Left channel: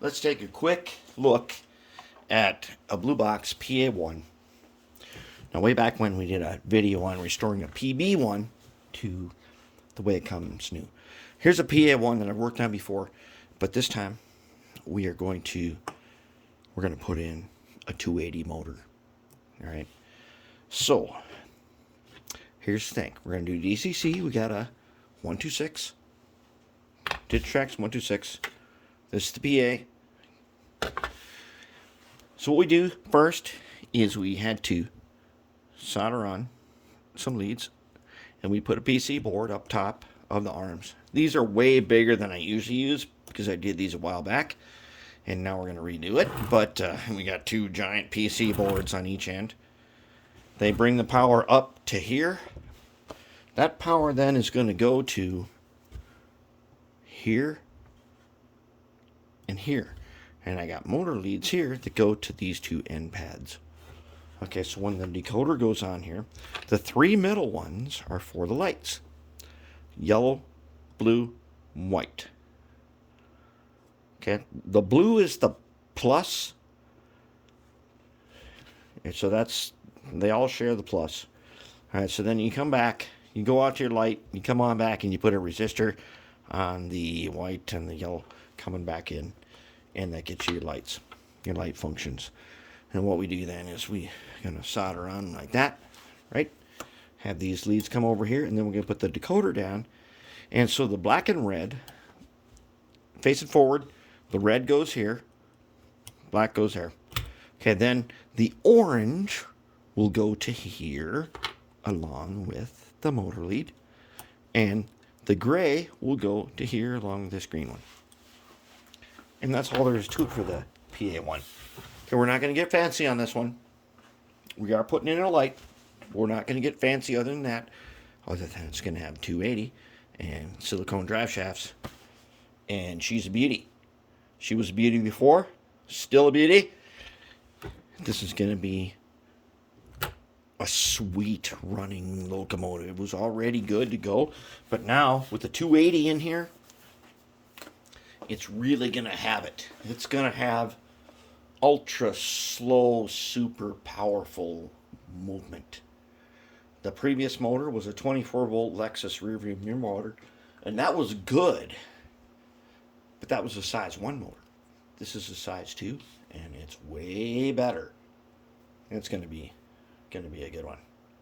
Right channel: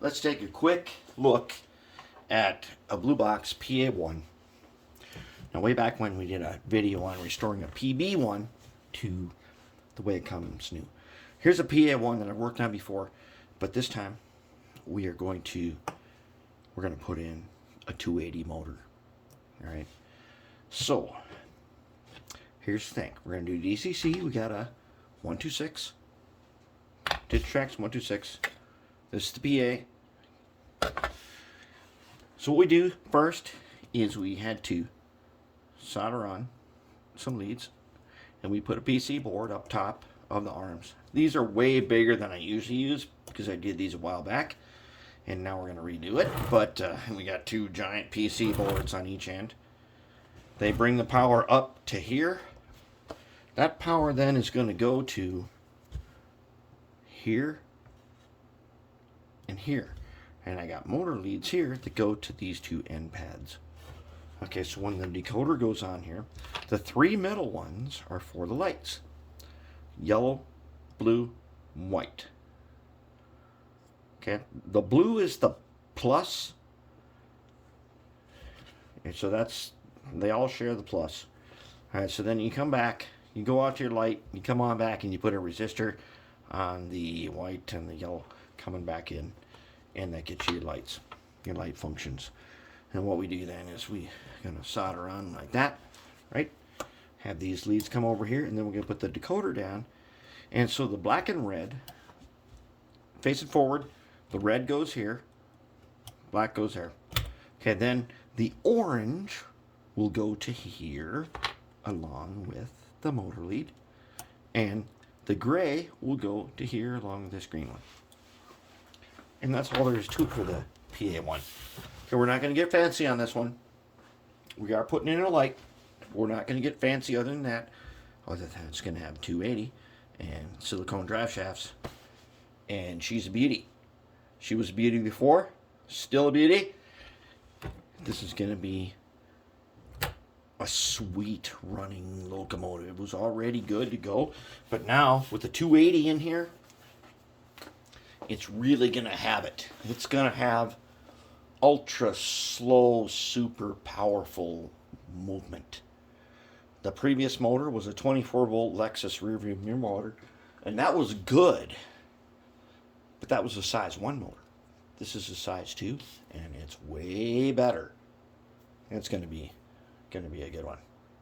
let's take a quick look at a Blue Box PA-1. Now, way back when we did a video on restoring a PB-1 to the way it comes new. Here's a PA-1 that I've worked on before, but this time we're going to put in a 280 motor. All right. So here's the thing. We're going to do DCC. We got a 126. Digitrax 126. This is the PA. So what we do first is we had to solder on some leads, and we put a PC board up top of the arms. These are way bigger than I usually use because I did these a while back, and now we're going to redo it. But we got two giant PC boards on each end. They bring the power up to here. That power then is going to go to here and here. And I got motor leads here that go to these two end pads. Okay, so when the decoder goes on here, the three middle ones are for the lights. Yellow, blue, white. Okay, the blue is the plus. And so they all share the plus. All right, so then you come back, you go out to your light, you come on back and you put a resistor on the white and the yellow coming back in, and that gets you your lights, your light functions. And what we do then is we're going to solder on like that, right? Have these leads come over here, and then we're going to put the decoder down. And so the black and red, facing forward, the red goes here, black goes there. Okay, then the orange will go to here along with the motor lead, and the gray will go to here along with this green one. And that's all there is to it for the PA-1. Okay, we're not going to get fancy on this one. We are putting in a light. We're not going to get fancy other than that. Other than it's going to have 280 and silicone drive shafts. And she's a beauty. She was a beauty before. Still a beauty. This is going to be a sweet running locomotive. It was already good to go. But now, with the 280 in here, it's really going to have it. It's going to have ultra slow, super powerful movement. The previous motor was a 24 volt Lexus rear view mirror motor, and that was good, but that was a size 1 motor. This is a size 2, and it's way better. It's going to be a good one.